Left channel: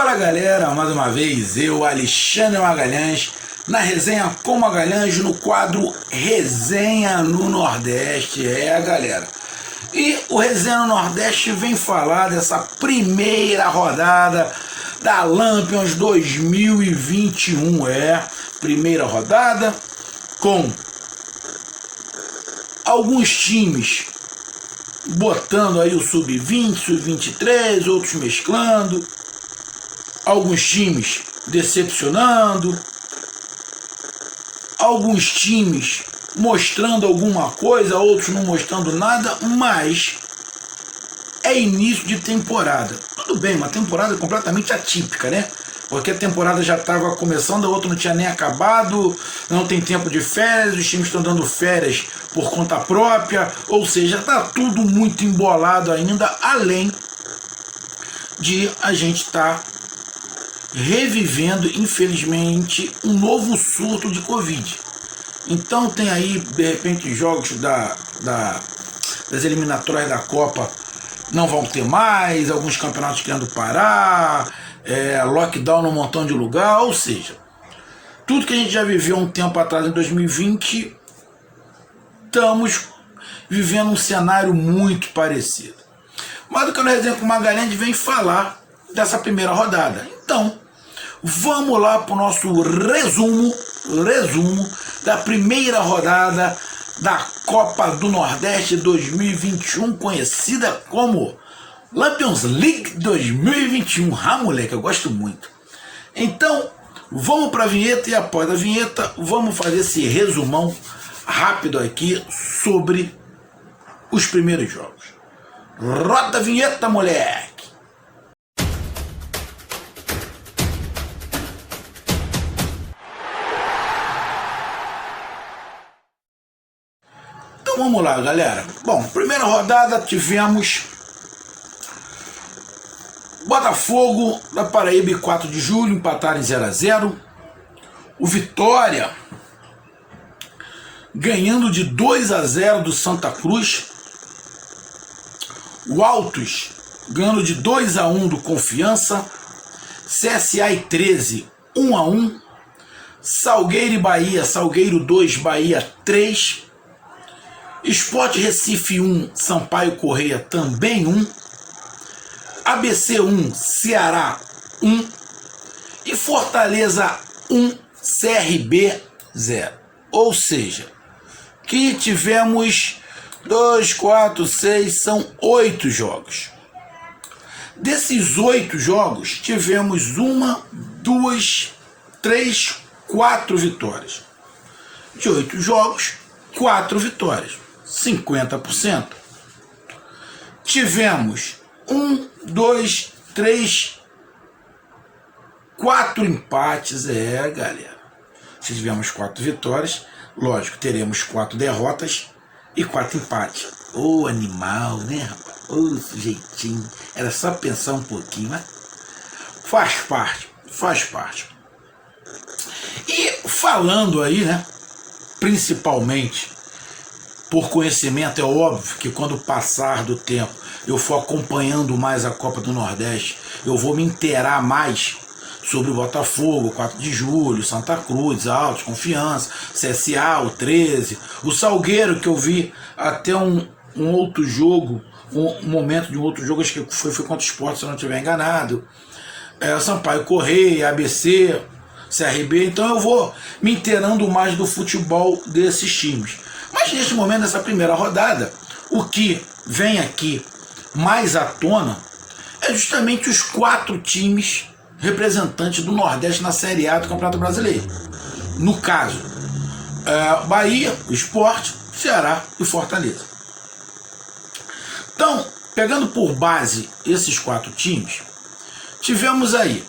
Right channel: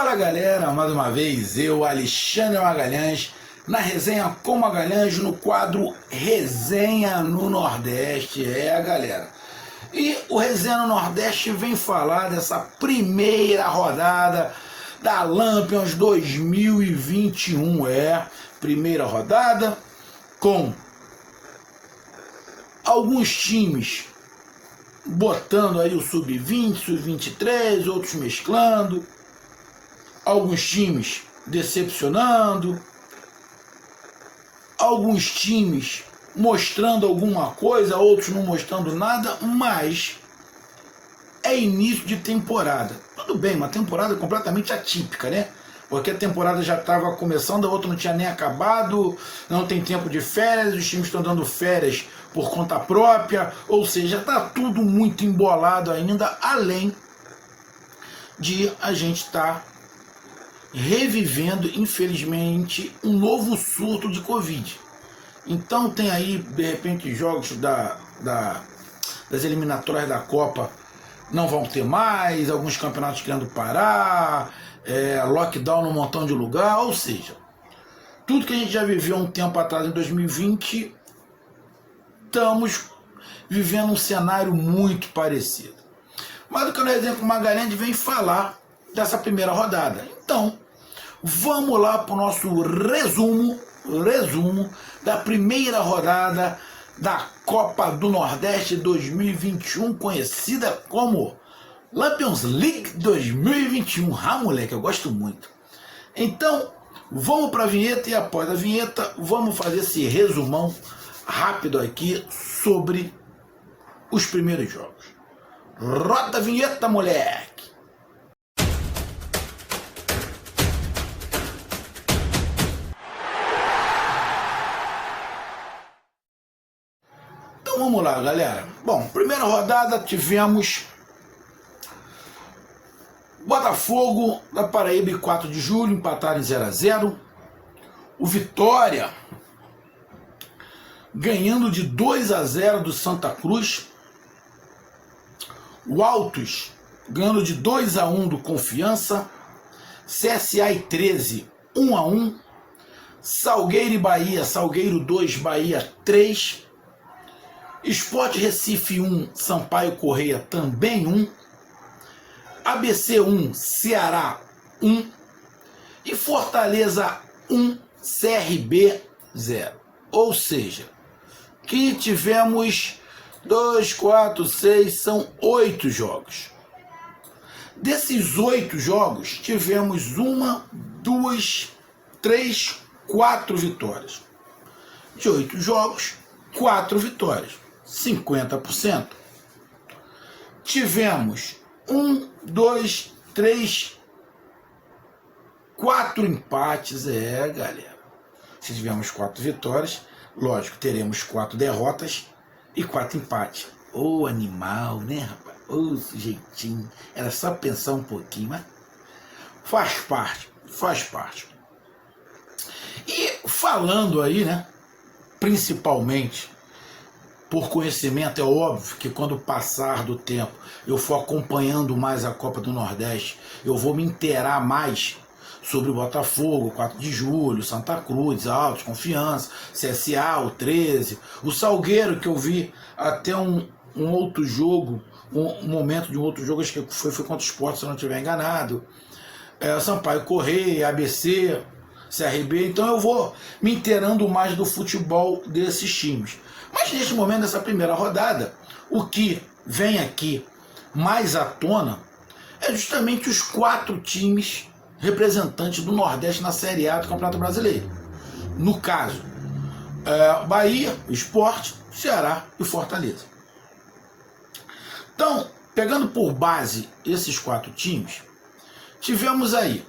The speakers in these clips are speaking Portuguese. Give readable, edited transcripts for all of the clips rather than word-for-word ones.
Fala galera, mais uma vez eu, Alexandre Magalhães, na resenha com Magalhães, no quadro Resenha no Nordeste, galera. E o Resenha no Nordeste vem falar dessa primeira rodada da Lampions 2021, primeira rodada com alguns times botando aí o sub-20, sub-23, outros mesclando, alguns times decepcionando, alguns times mostrando alguma coisa, outros não mostrando nada, mas é início de temporada. Tudo bem, uma temporada completamente atípica, né? Porque a temporada já estava começando, a outra não tinha nem acabado, não tem tempo de férias, os times estão dando férias por conta própria, ou seja, está tudo muito embolado ainda, além de a gente estar revivendo, infelizmente, um novo surto de Covid. Então tem aí, de repente, jogos das eliminatórias da Copa não vão ter mais, alguns campeonatos querendo parar, lockdown num montão de lugar, ou seja, tudo que a gente já viveu um tempo atrás em 2020, estamos vivendo um cenário muito parecido. Mas o que eu não resenho com o Magalhães vem falar dessa primeira rodada. Então, vamos lá para o nosso resumo da primeira rodada da Copa do Nordeste 2021, conhecida como Lampions League 2021. Ah, moleque, eu gosto muito. Então, vamos para a vinheta e após a vinheta, vamos fazer esse resumão rápido aqui sobre os primeiros jogos. Roda a vinheta, moleque! Então vamos lá, galera. Bom, primeira rodada tivemos Botafogo da Paraíba e 4 de julho, empataram em 0-0. O Vitória ganhando de 2-0 do Santa Cruz. O Altos ganhando de 2-1 do Confiança. CSA e 13, 1-1. Salgueiro e Bahia, Salgueiro 2, Bahia 3. Sport Recife 1, Sampaio Correia também 1. ABC 1, Ceará 1. E Fortaleza 1, CRB 0. Ou seja, que tivemos 2, 4, 6, são 8 jogos. Desses 8 jogos, tivemos 1, 2, 3, 4 vitórias. De 8 jogos, 4 vitórias. 50%. Tivemos 1, 2, 3, 4 empates. Galera. Se tivermos 4 vitórias, lógico, teremos 4 derrotas e 4 empates. Ô animal, né, rapaz? Ô sujeitinho. Era só pensar um pouquinho, mas faz parte. E falando aí, né, principalmente por conhecimento, é óbvio que quando passar do tempo eu for acompanhando mais a Copa do Nordeste, eu vou me inteirar mais sobre o Botafogo, 4 de julho, Santa Cruz, Altos, Confiança, CSA, o 13, o Salgueiro, que eu vi até um outro jogo, um momento de um outro jogo, acho que foi contra o Sport, se eu não estiver enganado, Sampaio Correia, ABC, CRB, então eu vou me inteirando mais do futebol desses times. Mas neste momento, nessa primeira rodada, o que vem aqui mais à tona é justamente os 4 times representantes do Nordeste na Série A do Campeonato Brasileiro. No caso, Bahia, Sport, Ceará e Fortaleza. Então, pegando por base esses 4 times, tivemos aí,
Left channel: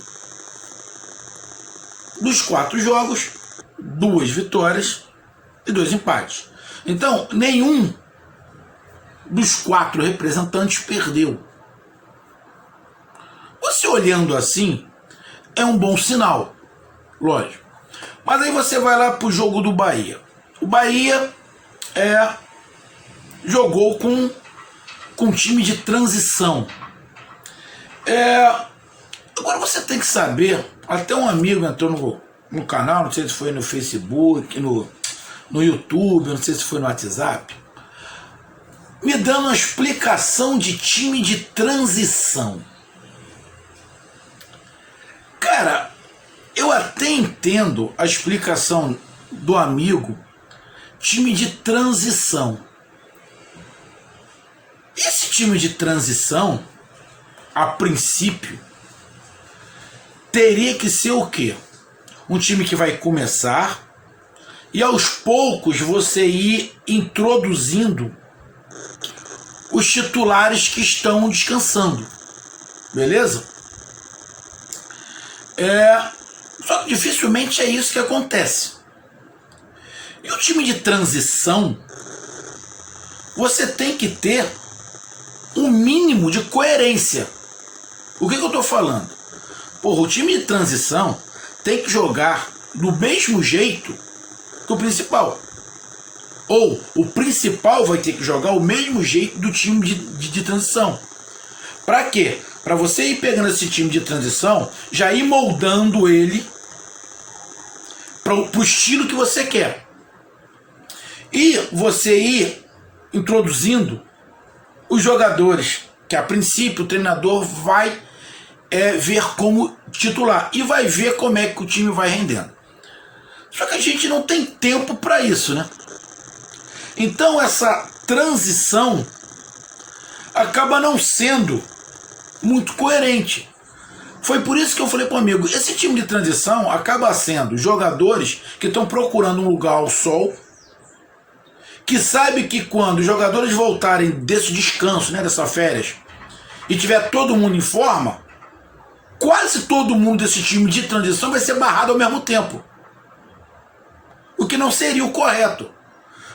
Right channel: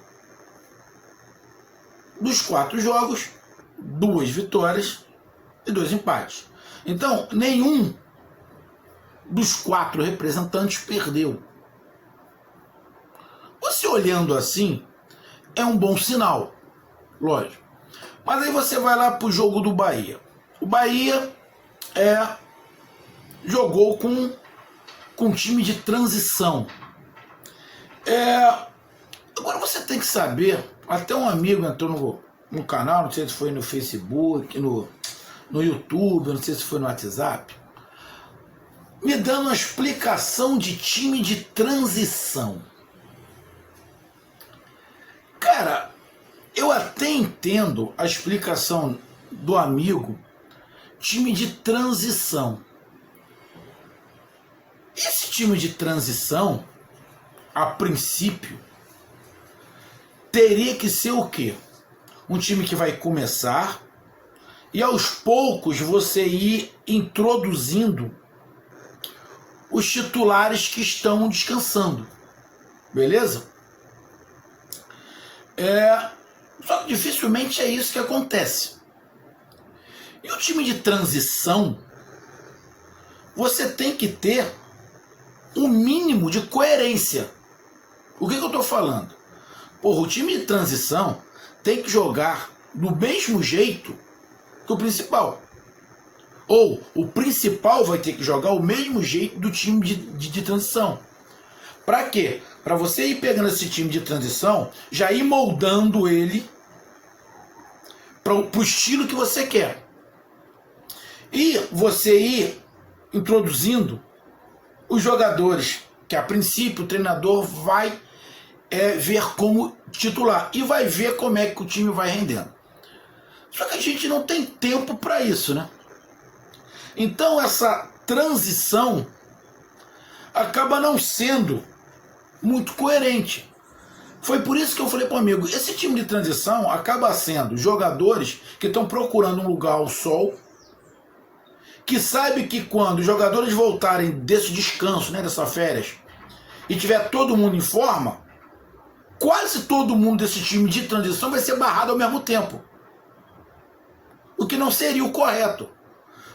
dos 4 jogos, 2 vitórias e 2 empates. Então, nenhum dos 4 representantes perdeu. Você olhando assim, é um bom sinal, lógico. Mas aí você vai lá para o jogo do Bahia. O Bahia jogou com um time de transição. Agora você tem que saber, até um amigo entrou no canal, não sei se foi no Facebook, no YouTube, não sei se foi no WhatsApp, me dando uma explicação de time de transição. Cara, eu até entendo a explicação do amigo, time de transição. Esse time de transição, a princípio, teria que ser o quê? Um time que vai começar e aos poucos você ir introduzindo os titulares que estão descansando. Beleza? Só que dificilmente é isso que acontece. E o time de transição, você tem que ter um mínimo de coerência. O que eu estou falando? Porra, o time de transição tem que jogar do mesmo jeito que o principal. Ou o principal vai ter que jogar o mesmo jeito do time de transição. Para quê? Para você ir pegando esse time de transição, já ir moldando ele para o estilo que você quer. E você ir introduzindo os jogadores que a princípio o treinador vai ver como titular e vai ver como é que o time vai rendendo. Só que a gente não tem tempo para isso, né? Então essa transição acaba não sendo muito coerente. Foi por isso que eu falei para o amigo, esse time de transição acaba sendo jogadores que estão procurando um lugar ao sol, que sabe que quando os jogadores voltarem desse descanso, né, dessas férias, e tiver todo mundo em forma, quase todo mundo desse time de transição vai ser barrado ao mesmo tempo. O que não seria o correto.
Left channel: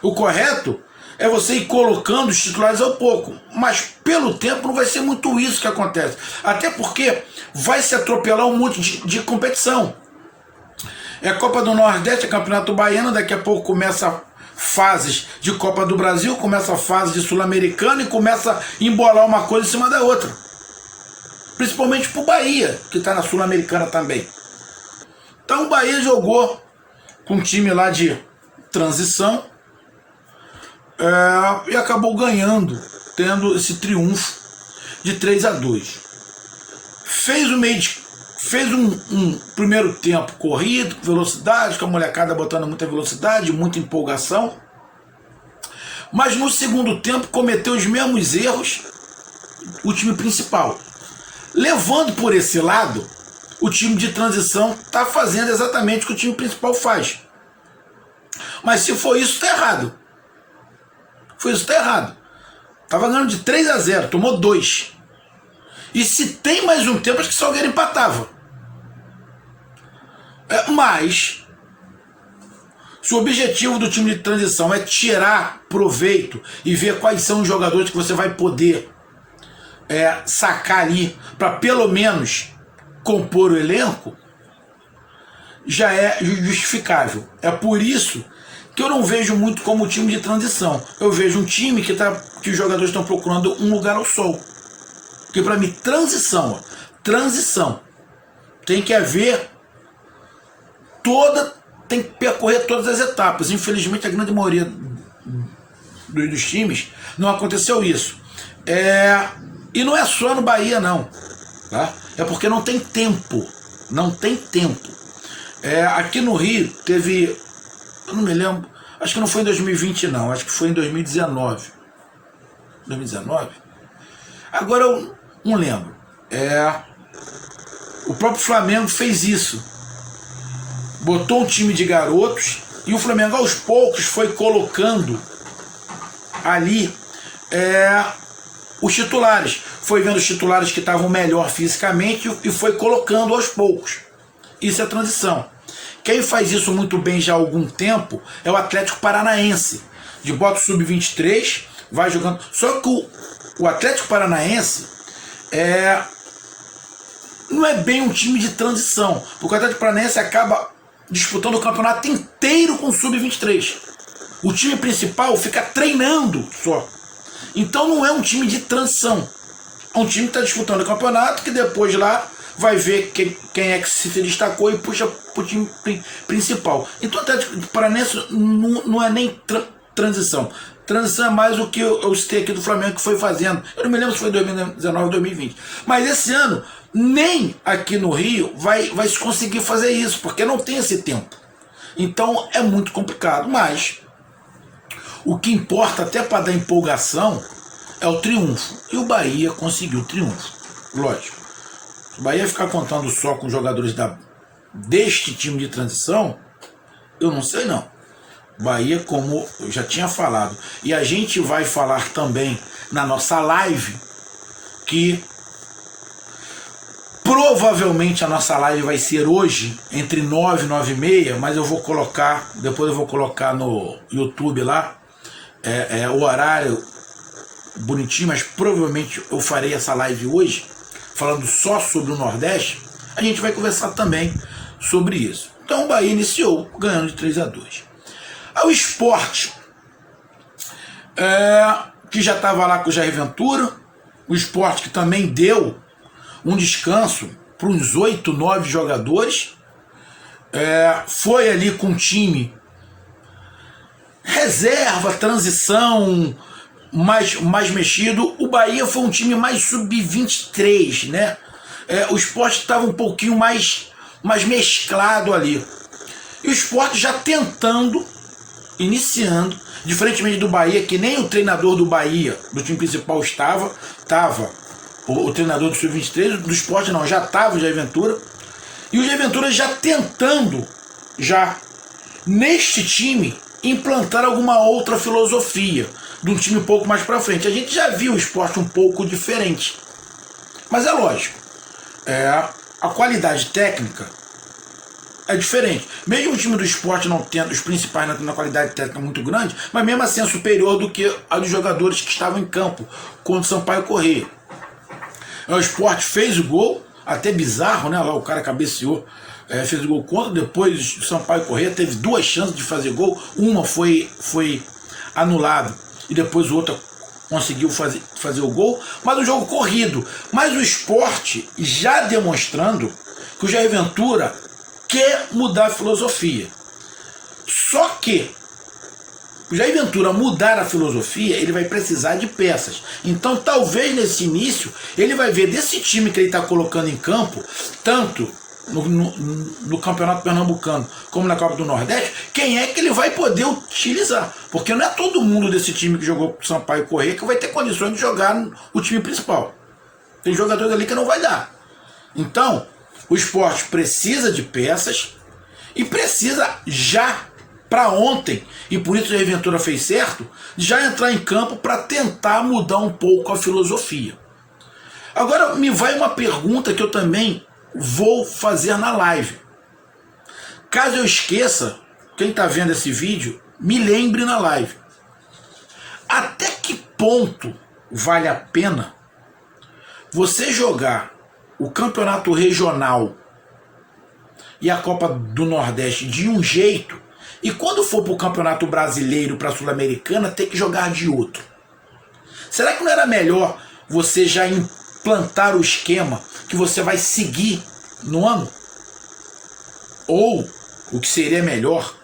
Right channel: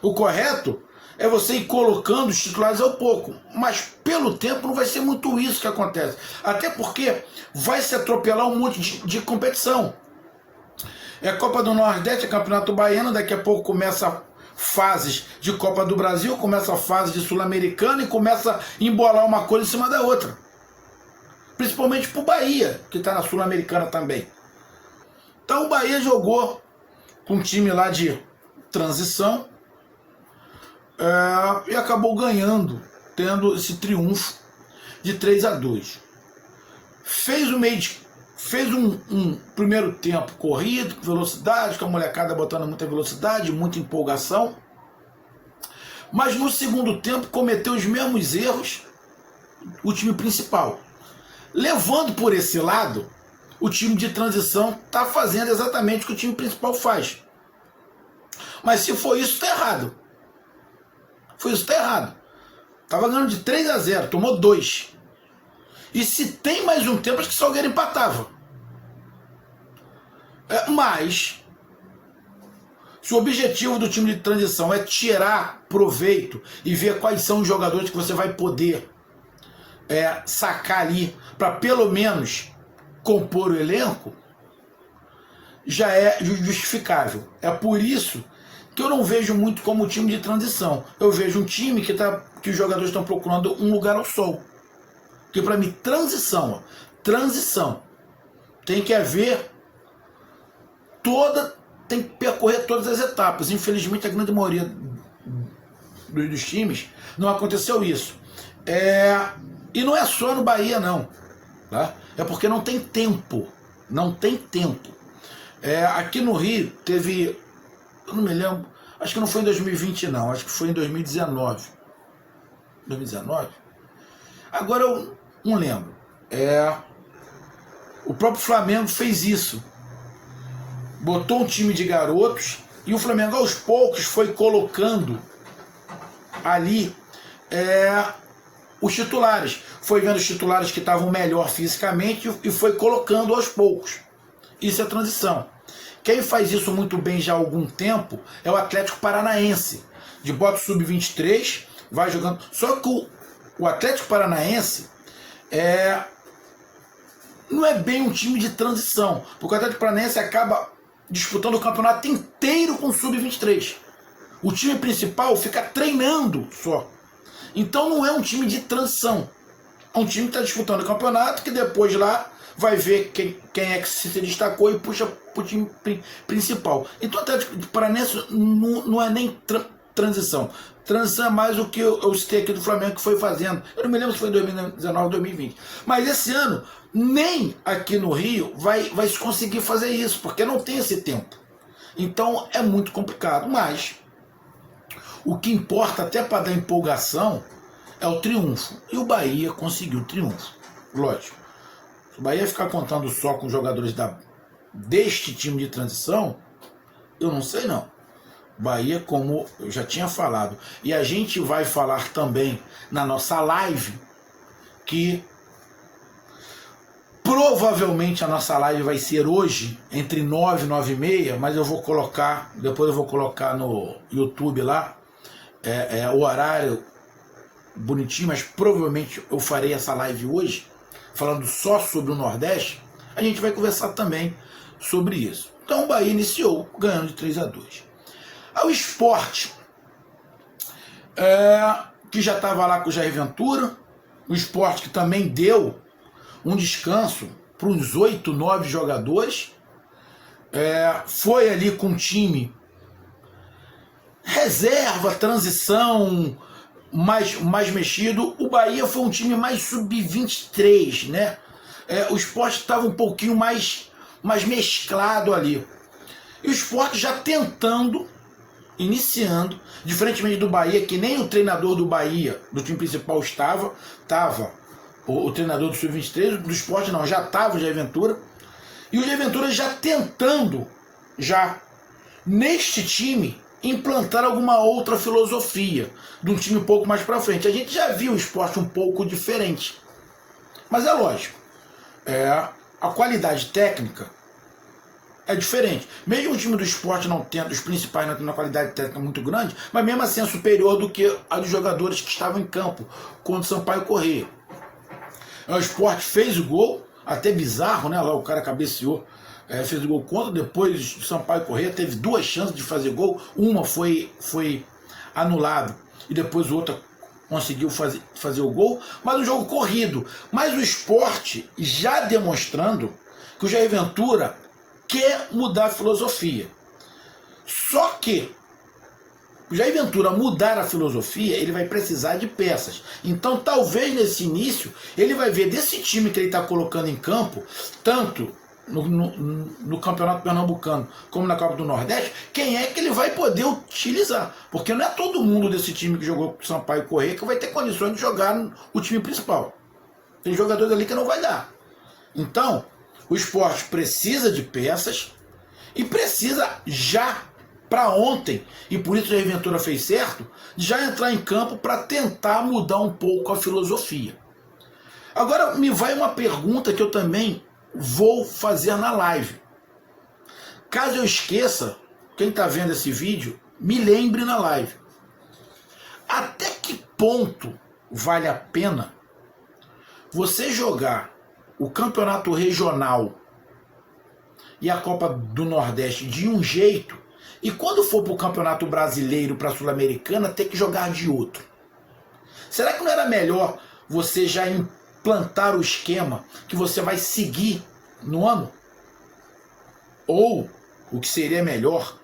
O correto é você ir colocando os titulares ao pouco. Mas pelo tempo não vai ser muito isso que acontece. Até porque vai se atropelar um monte de competição. É a Copa do Nordeste, é Campeonato Baiano, daqui a pouco começa fases de Copa do Brasil, começa a fase de Sul-Americana e começa a embolar uma coisa em cima da outra. Principalmente pro Bahia, que está na Sul-Americana também. Então o Bahia jogou com um time lá de transição e acabou ganhando, tendo esse triunfo de 3-2. Fez um primeiro tempo corrido, com velocidade, com a molecada botando muita velocidade, muita empolgação. Mas no segundo tempo cometeu os mesmos erros o time principal. Levando por esse lado, o time de transição está fazendo exatamente o que o time principal faz. Mas se for isso, está errado. Foi isso, está errado. Estava ganhando de 3-0, tomou 2. E se tem mais um tempo, acho que o Salgueiro empatava. Mas, se o objetivo do time de transição é tirar proveito e ver quais são os jogadores que você vai poder sacar ali para pelo menos compor o elenco, já é justificável. É por isso que eu não vejo muito como um time de transição. Eu vejo um time que os jogadores estão procurando um lugar ao sol. Porque para mim, transição tem que haver tem que percorrer todas as etapas. Infelizmente, a grande maioria dos times não aconteceu isso. E não é só no Bahia, não. Tá? É porque não tem tempo. Não tem tempo. Aqui no Rio teve... Eu não me lembro. Acho que não foi em 2020, não. Acho que foi em 2019. 2019? Agora eu não lembro. O próprio Flamengo fez isso. Botou um time de garotos e o Flamengo aos poucos foi colocando ali os titulares. Foi vendo os titulares que estavam melhor fisicamente e foi colocando aos poucos. Isso é transição. Quem faz isso muito bem já há algum tempo é o Atlético Paranaense. De bota sub-23, vai jogando. Só que o Atlético Paranaense não é bem um time de transição, porque o Atlético Paranaense acaba disputando o campeonato inteiro com o sub-23. O time principal fica treinando só. Então não é um time de transição. É um time que está disputando o campeonato, que depois lá vai ver quem é que se destacou e puxa para o time principal. Então o Atlético Paranaense não é nem transição. Transição é mais o que eu citei aqui do Flamengo que foi fazendo. Eu não me lembro se foi 2019 ou 2020. Mas esse ano, nem aqui no Rio vai se conseguir fazer isso, porque não tem esse tempo. Então é muito complicado. Mas o que importa até para dar empolgação é o triunfo. E o Bahia conseguiu o triunfo. Lógico. Se o Bahia ficar contando só com jogadores deste time de transição, eu não sei não. Bahia, como eu já tinha falado, e a gente vai falar também na nossa live, que provavelmente a nossa live vai ser hoje, entre 9 e 9 e meia, mas eu vou colocar, depois eu vou colocar no YouTube lá, o horário bonitinho, mas provavelmente eu farei essa live hoje, falando só sobre o Nordeste. A gente vai conversar também sobre isso. Então o Bahia iniciou ganhando de 3-2. Ao Sport, que já estava lá com o Jair Ventura, o Sport que também deu um descanso para uns 8, 9 jogadores, foi ali com um time reserva, transição, mais mexido. O Bahia foi um time mais sub-23, né? O Sport estava um pouquinho mais mesclado ali. E o Sport já tentando, iniciando, diferentemente do Bahia, que nem o treinador do Bahia, do time principal, estava o treinador do Sub-23, do Sport não, já estava o Jair Ventura, e o Jair Ventura já tentando, já neste time, implantar alguma outra filosofia, de um time um pouco mais para frente. A gente já viu o Sport um pouco diferente, mas é lógico, a qualidade técnica é diferente. Mesmo o time do Sport não tendo, os principais não tendo uma qualidade técnica muito grande, mas mesmo assim é superior do que a dos jogadores que estavam em campo contra o Sampaio Corrêa. O Sport fez o gol, até bizarro, né? Lá o cara cabeceou, fez o gol contra, depois o Sampaio Corrêa teve 2 chances de fazer gol, uma foi anulada e depois o outro conseguiu fazer o gol, mas o jogo corrido. Mas o Sport já demonstrando que o Jair Ventura quer mudar a filosofia. Só que o Jair Ventura mudar a filosofia, ele vai precisar de peças. Então talvez nesse início ele vai ver desse time que ele está colocando em campo, tanto no Campeonato Pernambucano como na Copa do Nordeste, quem é que ele vai poder utilizar. Porque não é todo mundo desse time que jogou pro Sampaio Corrêa que vai ter condições de jogar o time principal. Tem jogadores ali que não vai dar. Então o Sport precisa de peças e precisa já para ontem, e por isso a Jair Ventura fez certo, já entrar em campo para tentar mudar um pouco a filosofia. Agora me vai uma pergunta que eu também vou fazer na live. Caso eu esqueça, quem está vendo esse vídeo, me lembre na live. Até que ponto vale a pena você jogar o campeonato regional e a Copa do Nordeste de um jeito, e quando for para o campeonato brasileiro, para a Sul-Americana, ter que jogar de outro? Será que não era melhor você já implantar o esquema que você vai seguir no ano? Ou, o que seria melhor,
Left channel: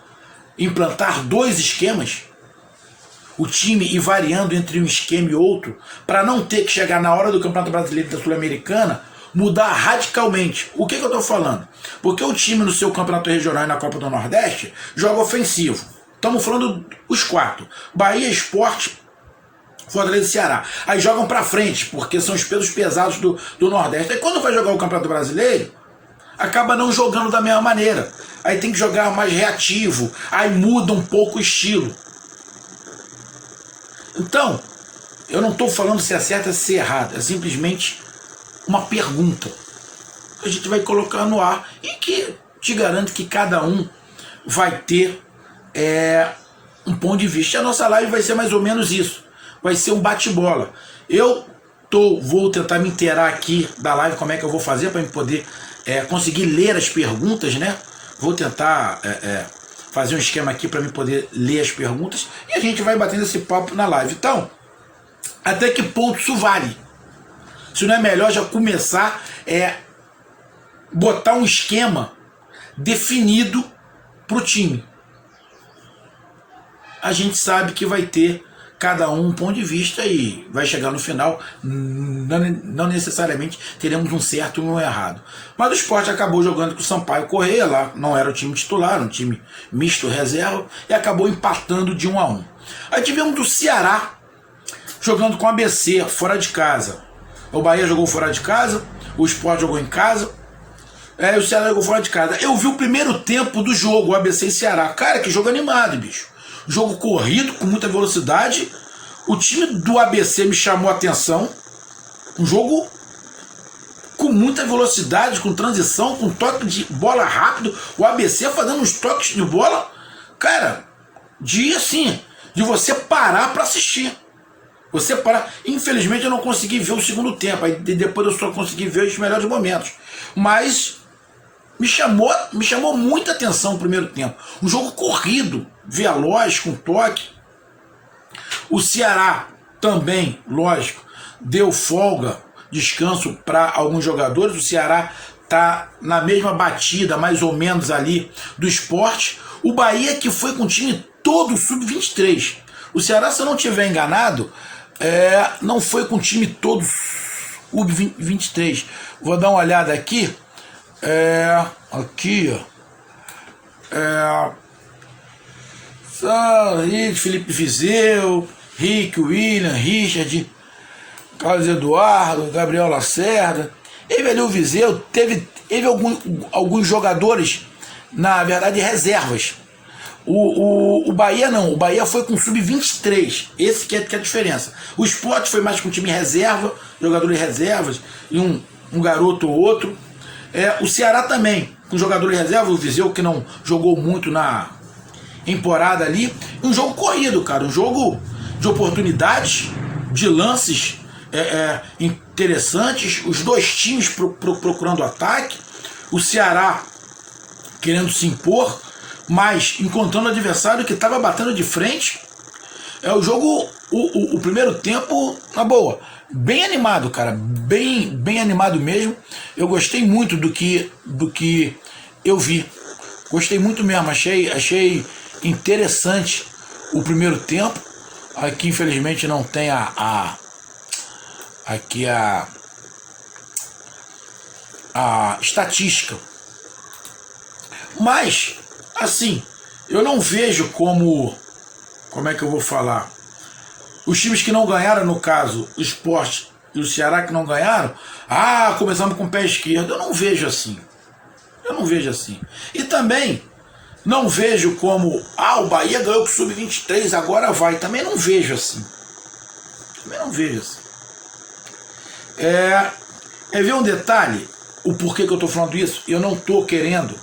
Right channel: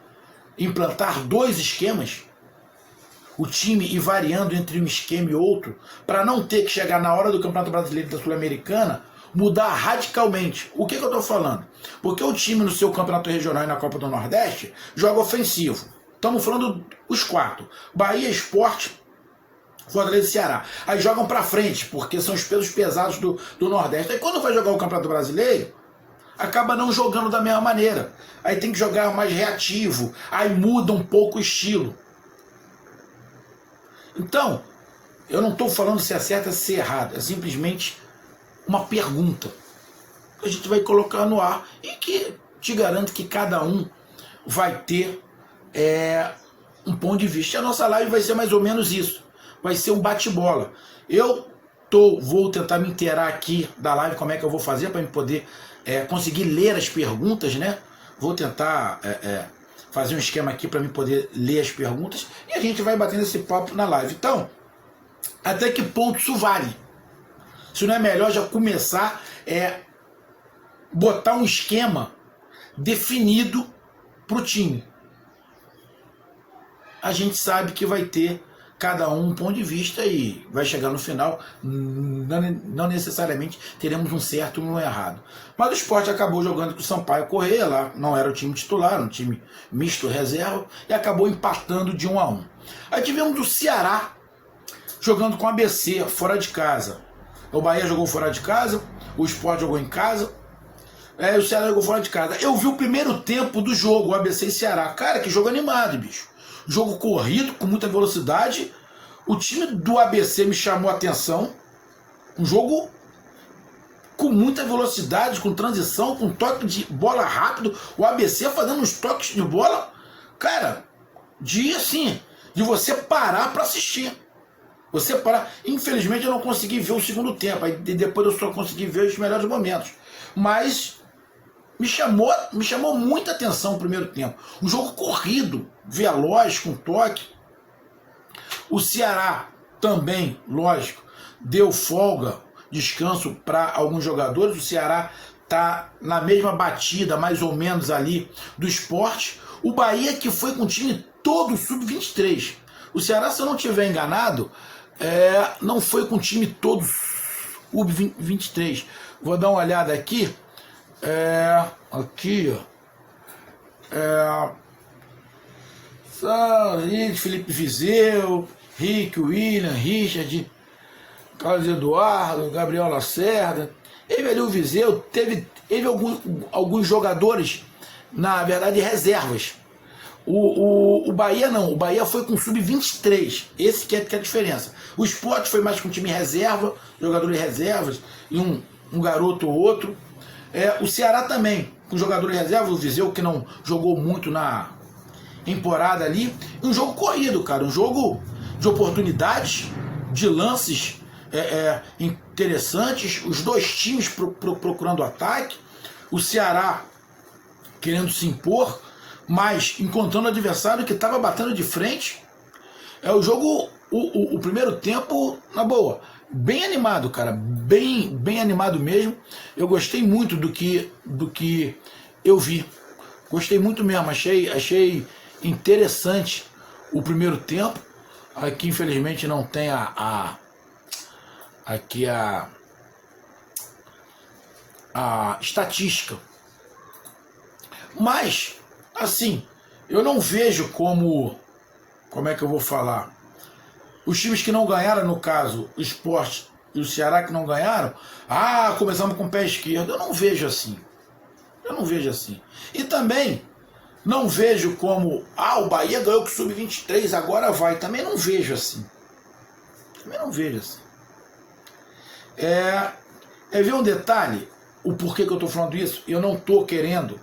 implantar 2 esquemas, o time ir variando entre um esquema e outro, para não ter que chegar na hora do Campeonato Brasileiro e da Sul-Americana, mudar radicalmente. O que eu estou falando? Porque o time no seu campeonato regional e na Copa do Nordeste joga ofensivo. Estamos falando os 4. Bahia, Sport, Fortaleza e Ceará. Aí jogam para frente, porque são os pesos pesados do Nordeste. Aí quando vai jogar o Campeonato Brasileiro, acaba não jogando da mesma maneira. Aí tem que jogar mais reativo. Aí muda um pouco o estilo. Então, eu não estou falando se é certo ou se é errado. É simplesmente uma pergunta que a gente vai colocar no ar e que te garanto que cada um vai ter um ponto de vista. E a nossa live vai ser mais ou menos isso. Vai ser um bate-bola. Vou tentar me inteirar aqui da live, como é que eu vou fazer para me poder conseguir ler as perguntas, né? Vou tentar fazer um esquema aqui para me poder ler as perguntas e a gente vai batendo esse papo na live. Então, até que ponto isso vale? Se não é melhor já começar botar um esquema definido para o time. A gente sabe que vai ter cada um ponto de vista e vai chegar no final, não necessariamente teremos um certo e um errado. Mas o Sport acabou jogando com o Sampaio Corrêa, lá não era o time titular, um time misto reserva, e acabou empatando de 1-1. Aí tivemos o Ceará jogando com o ABC, fora de casa. O Bahia jogou fora de casa, o Sport jogou em casa, o Ceará jogou fora de casa. Eu vi o primeiro tempo do jogo, o ABC e Ceará. Cara, que jogo animado, bicho. Jogo corrido, com muita velocidade. O time do ABC me chamou a atenção. Um jogo com muita velocidade, com transição, com toque de bola rápido. O ABC fazendo uns toques de bola, cara, de você parar para assistir. Você parar. Infelizmente eu não consegui ver o segundo tempo. Aí depois eu só consegui ver os melhores momentos. Mas me chamou muita atenção o primeiro tempo. Um jogo corrido, veloz, com toque. O Ceará também, lógico, deu folga, descanso para alguns jogadores. O Ceará está na mesma batida, mais ou menos ali, do Sport. O Bahia, que foi com o time todo sub-23. O Ceará, se eu não estiver enganado, não foi com o time todo sub-23. Vou dar uma olhada aqui. Aqui, ó. Felipe Viseu, Rick, William, Richard, Carlos Eduardo, Gabriel Lacerda. Teve ali o Viseu, teve alguns jogadores, na verdade, reservas. O Bahia não, o Bahia foi com sub-23, esse que é a diferença. O Sport foi mais com time reserva, jogadores reservas, e um garoto ou outro. O Ceará também, com jogadores reserva, o Viseu que não jogou muito na temporada ali. Um jogo corrido, cara, um jogo de oportunidades, de lances interessantes, os dois times procurando ataque, o Ceará querendo se impor, mas encontrando o adversário que estava batendo de frente. O jogo, o primeiro tempo, na boa, bem animado, cara, bem animado mesmo. Eu gostei muito do que eu vi, gostei muito mesmo, achei interessante o primeiro tempo. Aqui infelizmente não tem aqui a estatística, mas assim, eu não vejo como é que eu vou falar, os times que não ganharam, no caso o Sport e o Ceará que não ganharam, começamos com o pé esquerdo. Eu não vejo assim, e também não vejo como, o Bahia ganhou com o Sub-23, agora vai. Também não vejo assim. Ver um detalhe, o porquê que eu estou falando isso. Eu não estou querendo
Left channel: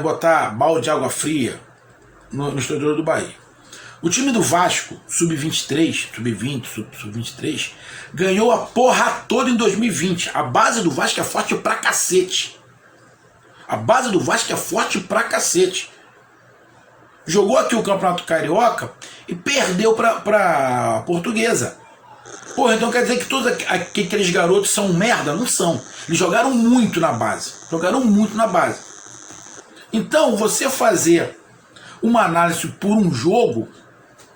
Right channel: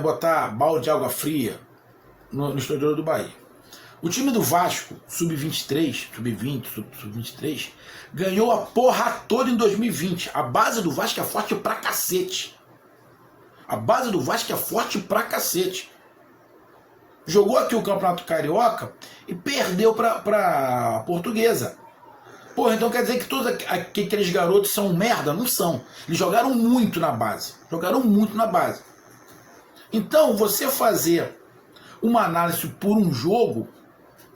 botar balde de água fria no torcedor do Bahia. O time do Vasco, Sub-23, Sub-20, Sub-23, ganhou a porra toda em 2020. A base do Vasco é forte pra cacete. Jogou aqui o Campeonato Carioca e perdeu pra Portuguesa. Porra, então quer dizer que todos aqueles garotos são merda? Não são. Eles jogaram muito na base. Então, você fazer uma análise por um jogo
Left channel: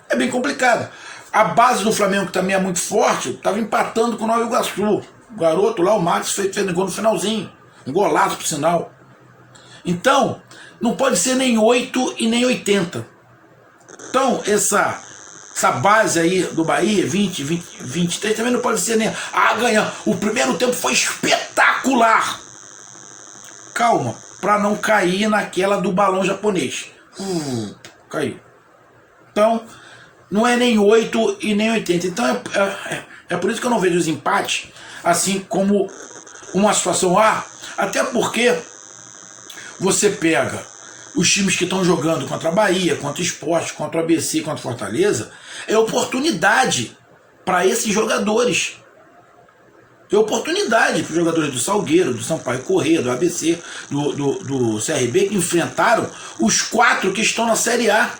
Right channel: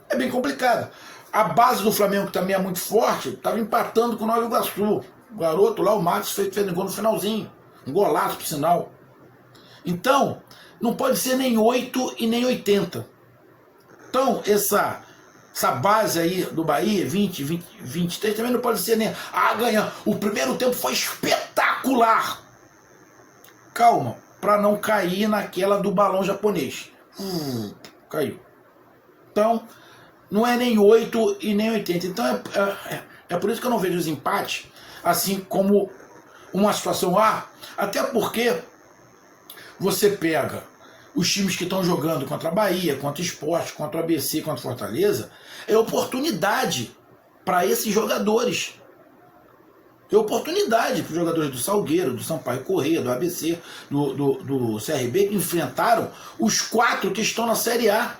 é bem complicado. A base do Flamengo, que também é muito forte, estava empatando com o Nova Iguaçu. O garoto lá, o Max, fez gol no finalzinho. Um golaço, por sinal. Então, não pode ser nem 8 e nem 80. Então, essa base aí do Bahia, 20, 23, também não pode ser nem... ganhar. O primeiro tempo foi espetacular. Calma, para não cair naquela do balão japonês. Caiu. Então, não é nem 8 e nem 80. Então, é por isso que eu não vejo os empates assim como uma situação até porque você pega os times que estão jogando contra a Bahia, contra o Sport, contra o ABC, contra o Fortaleza, é oportunidade para esses jogadores. É oportunidade para os jogadores do Salgueiro, do Sampaio Corrêa, do ABC, do CRB, que enfrentaram os 4 que estão na Série A.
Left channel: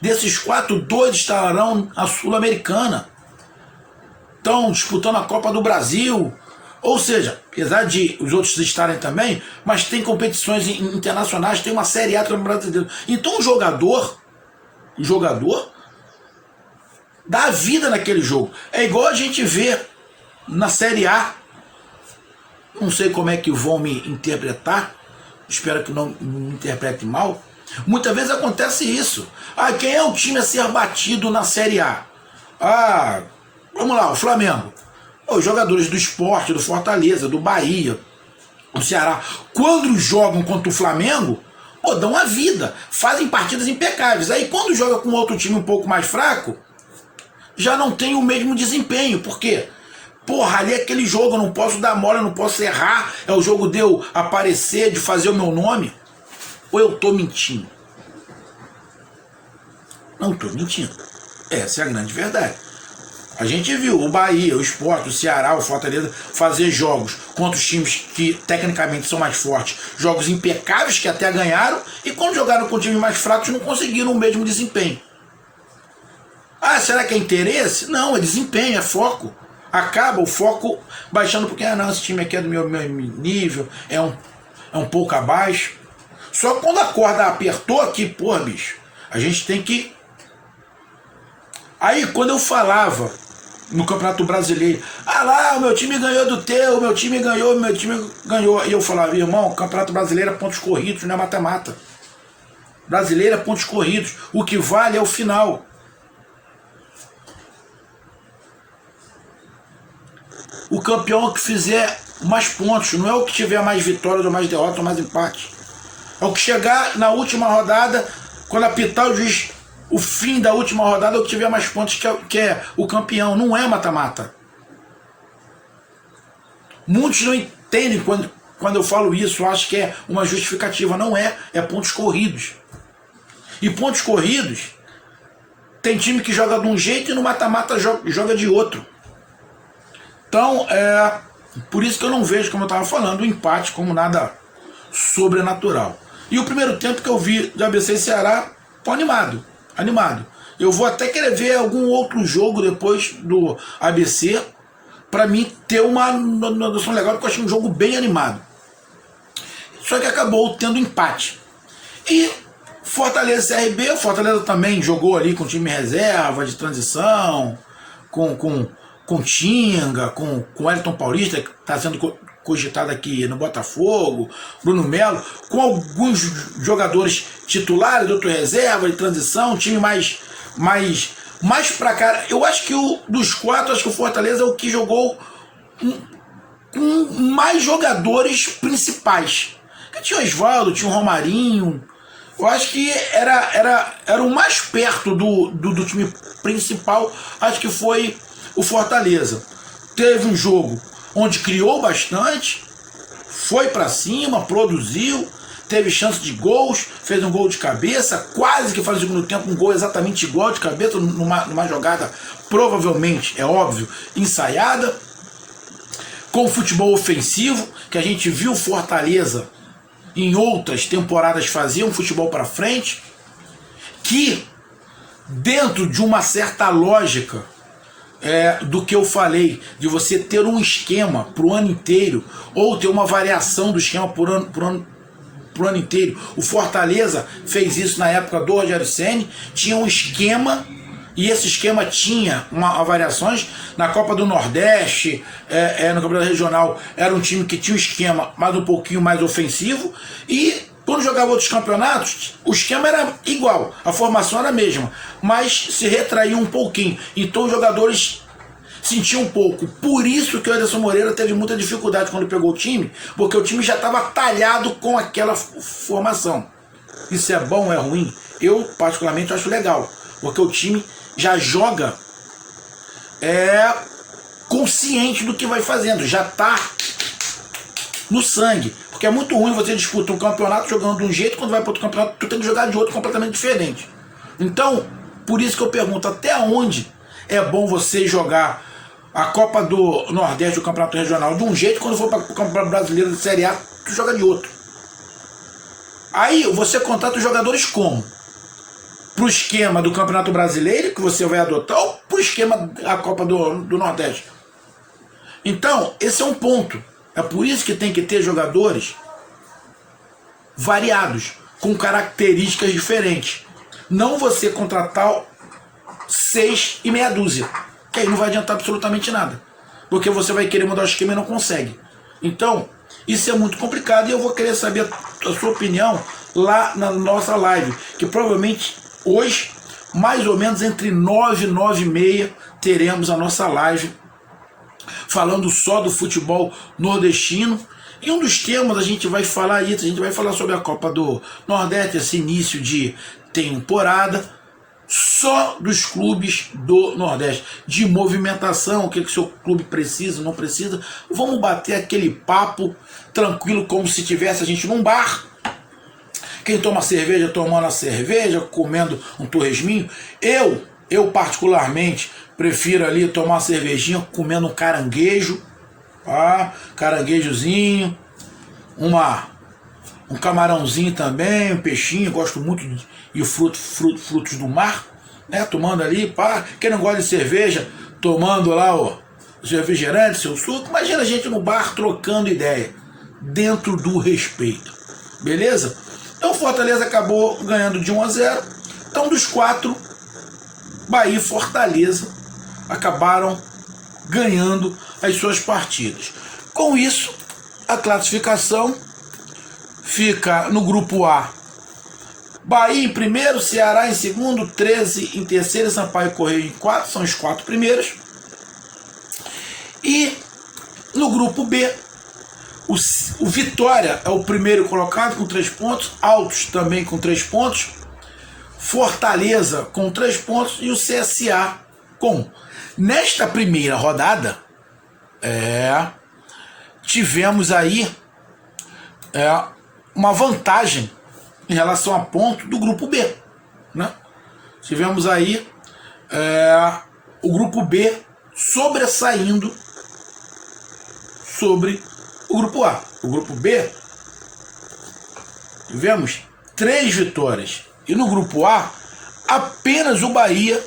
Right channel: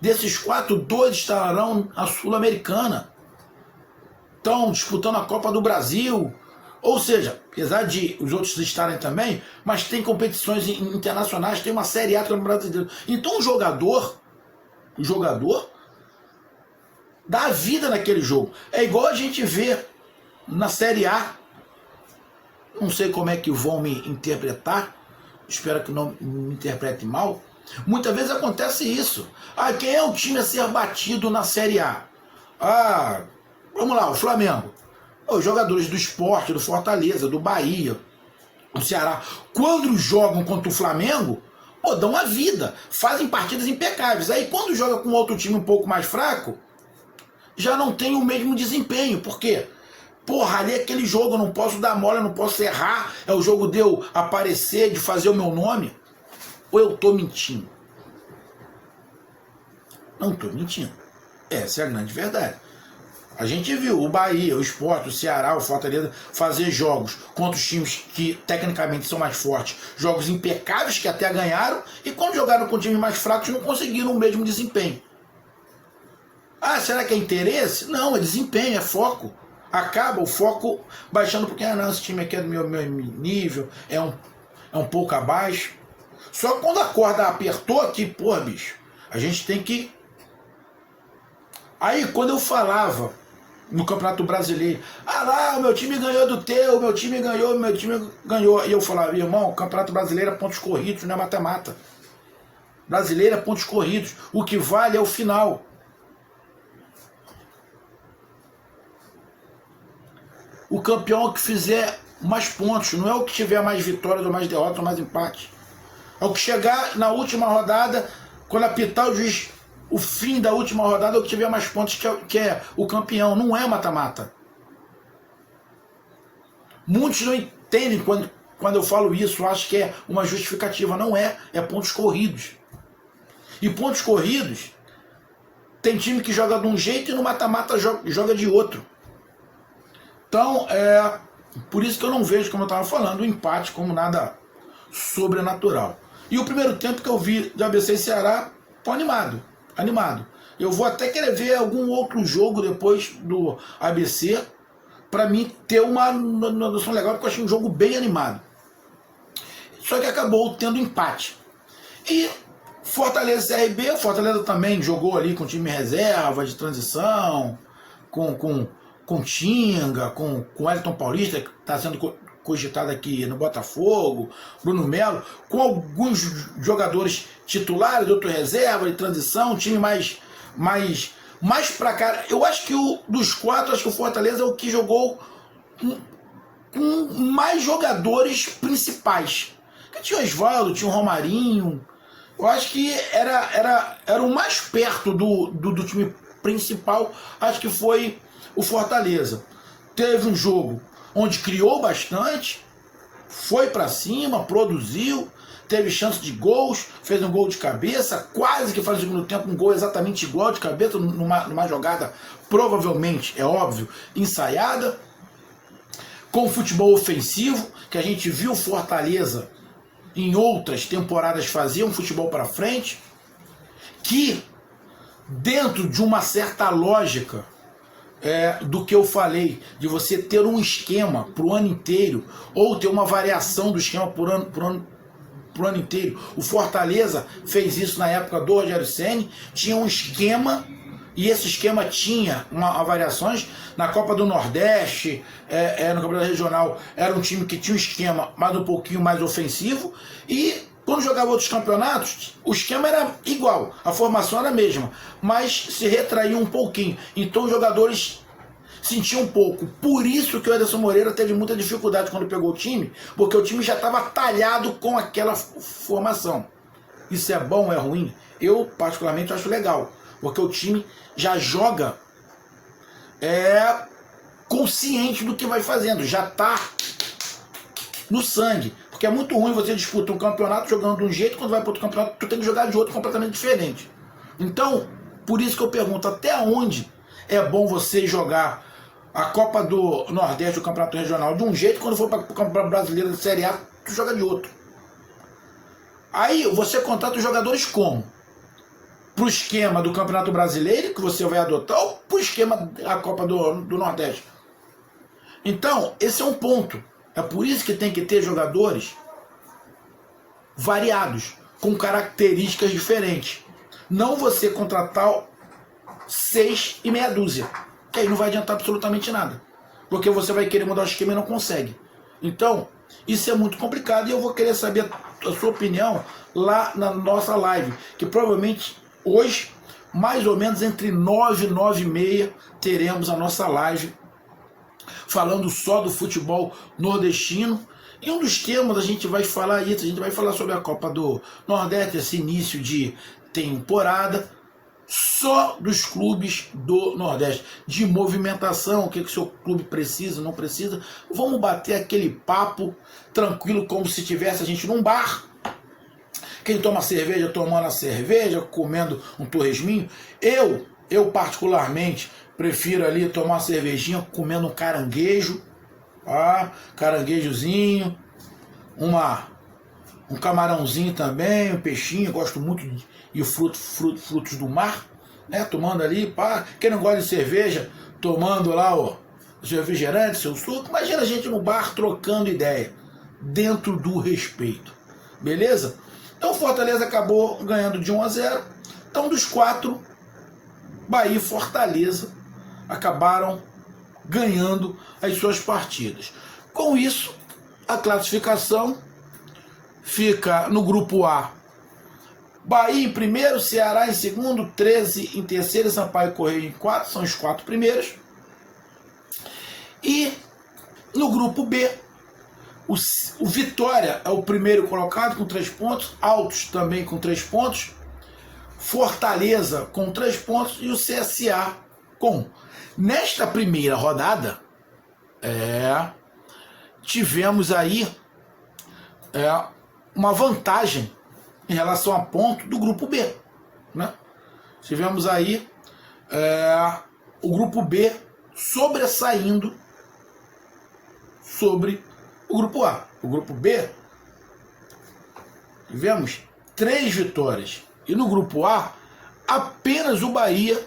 Desses 4, 2 estarão na Sul-Americana. Estão disputando a Copa do Brasil. Ou seja, apesar de os outros estarem também, mas tem competições internacionais, tem uma Série A do Campeonato Brasileiro. Então o jogador dá vida naquele jogo. É igual a gente vê na Série A. Não sei como é que vão me interpretar, espero que não me interprete mal. Muitas vezes acontece isso. Ah, quem é o time a ser batido na Série A? Ah, vamos lá, o Flamengo. Os jogadores do Sport, do Fortaleza, do Bahia, do Ceará, quando jogam contra o Flamengo, pô, dão a vida, fazem partidas impecáveis. Aí quando joga com outro time um pouco mais fraco, já não tem o mesmo desempenho. Por quê? Porra, ali é aquele jogo, eu não posso dar mole, eu não posso errar. É o jogo de eu aparecer, de fazer o meu nome. Ou eu tô mentindo? Não tô mentindo. Essa é a grande verdade. A gente viu o Bahia, o Sport, o Ceará, o Fortaleza fazer jogos contra os times que tecnicamente são mais fortes, jogos impecáveis que até ganharam, e quando jogaram com times mais fracos não conseguiram o mesmo desempenho. Ah, será que é interesse? Não, é desempenho, é foco. Acaba o foco baixando porque, não, esse time aqui é do meu nível, é um pouco abaixo. Só que quando a corda apertou aqui, pô, bicho, a gente tem que... Aí, quando eu falava no Campeonato Brasileiro, ah lá, o meu time ganhou do teu, o meu time ganhou. E eu falava, irmão, o Campeonato Brasileiro é pontos corridos, não é mata-mata. Brasileiro é pontos corridos. O que vale é o final. O campeão que fizer mais pontos, não é o que tiver mais vitórias ou mais derrotas ou mais empate. É o que chegar na última rodada, quando apitar o juiz, o fim da última rodada, é o que tiver mais pontos, que é o campeão. Não é mata-mata. Muitos não entendem quando eu falo isso, acham que é uma justificativa. Não é, é pontos corridos. E pontos corridos, tem time que joga de um jeito e no mata-mata joga de outro. Então, por isso que eu não vejo, como eu estava falando, o empate como nada sobrenatural. E o primeiro tempo que eu vi de ABC e Ceará, tô animado. Eu vou até querer ver algum outro jogo depois do ABC, para mim ter uma noção legal, porque eu achei um jogo bem animado. Só que acabou tendo empate. E Fortaleza e CRB, Fortaleza também jogou ali com time reserva, de transição, com Tinga, com o Elton Paulista, que está sendo cogitado aqui no Botafogo, Bruno Melo, com alguns jogadores titulares, outro reserva, de transição, um time mais pra cá. Eu acho que dos quatro, acho que o Fortaleza é o que jogou com mais jogadores principais. Que tinha o Osvaldo, tinha o Romarinho. Eu acho que era o mais perto do time principal, acho que foi o Fortaleza. Teve um jogo onde criou bastante, foi para cima, produziu, teve chance de gols, fez um gol de cabeça, quase que faz o segundo tempo um gol exatamente igual de cabeça, numa jogada provavelmente, é óbvio, ensaiada, com futebol ofensivo, que a gente viu Fortaleza em outras temporadas fazer um futebol para frente, que dentro de uma certa lógica do que eu falei, de você ter um esquema para o ano inteiro, ou ter uma variação do esquema por ano inteiro. O Fortaleza fez isso na época do Rogério Ceni, tinha um esquema, e esse esquema tinha variações. Na Copa do Nordeste, no Campeonato Regional, era um time que tinha um esquema mas um pouquinho mais ofensivo, e quando jogava outros campeonatos, o esquema era igual, a formação era a mesma, mas se retraía um pouquinho. Então os jogadores sentiam um pouco. Por isso que o Anderson Moreira teve muita dificuldade quando pegou o time, porque o time já estava talhado com aquela formação. Isso é bom ou é ruim? Eu, particularmente, acho legal, porque o time já joga consciente do que vai fazendo, já está no sangue. Porque é muito ruim você disputar um campeonato jogando de um jeito, quando vai para outro campeonato tu tem que jogar de outro completamente diferente. Então, por isso que eu pergunto, até onde é bom você jogar a Copa do Nordeste, o Campeonato Regional, de um jeito, quando for para o Campeonato Brasileiro de Série A, tu joga de outro. Aí você contrata os jogadores como? Pro esquema do Campeonato Brasileiro, que você vai adotar, ou pro esquema da Copa do Nordeste? Então, esse é um ponto. É por isso que tem que ter jogadores variados, com características diferentes. Não você contratar 6 e meia dúzia, que aí não vai adiantar absolutamente nada. Porque você vai querer mudar o esquema e não consegue. Então, isso é muito complicado e eu vou querer saber a sua opinião lá na nossa live, que provavelmente hoje, mais ou menos entre 9 e 9 e meia, teremos a nossa live falando só do futebol nordestino. E um dos temas a gente vai falar isso, a gente vai falar sobre a Copa do Nordeste, esse início de temporada, só dos clubes do Nordeste, de movimentação, o que o seu clube precisa, não precisa. Vamos bater aquele papo tranquilo, como se tivesse a gente num bar. Quem toma cerveja, tomando a cerveja, comendo um torresminho. Eu particularmente, prefiro ali tomar uma cervejinha, comendo um caranguejo, caranguejozinho, um camarãozinho também, um peixinho, gosto muito de frutos do mar, né? Tomando ali, quem não gosta de cerveja, tomando lá o seu refrigerante, seu suco. Imagina a gente no bar trocando ideia, dentro do respeito, beleza? Então o Fortaleza acabou ganhando de 1-0. Então dos 4, Bahia e Fortaleza acabaram ganhando as suas partidas. Com isso, a classificação fica no grupo A: Bahia em primeiro, Ceará em segundo, 13 em terceiro e Sampaio Correia em quarto, são os 4 primeiros. E no grupo B, o Vitória é o primeiro colocado com 3 pontos, Altos também com 3 pontos, Fortaleza com 3 pontos e o CSA com. Nesta primeira rodada, tivemos aí uma vantagem em relação a ponto do grupo B, né? Tivemos aí o grupo B sobressaindo sobre o grupo A. O grupo B, tivemos 3 vitórias. E no grupo A, apenas o Bahia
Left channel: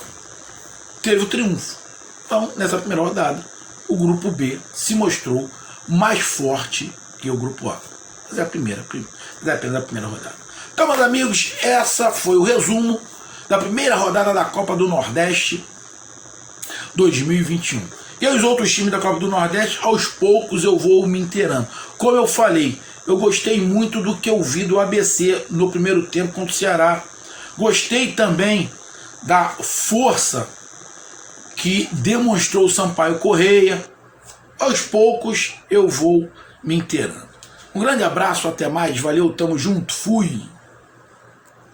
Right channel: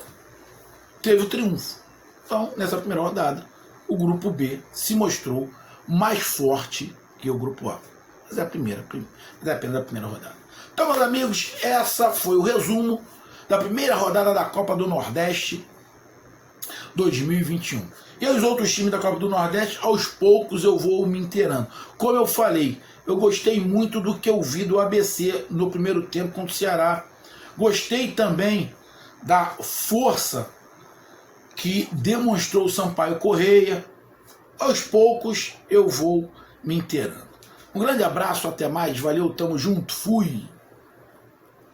teve o triunfo. Então, nessa primeira rodada, o grupo B se mostrou mais forte que o grupo A. Mas é apenas a primeira rodada. Então, meus amigos, essa foi o resumo da primeira rodada da Copa do Nordeste 2021. E os outros times da Copa do Nordeste, aos poucos eu vou me inteirando. Como eu falei, eu gostei muito do que eu vi do ABC no primeiro tempo contra o Ceará. Gostei também da força que demonstrou o Sampaio Correia. Aos poucos eu vou me inteirando. Um grande abraço, até mais, valeu, tamo junto, fui!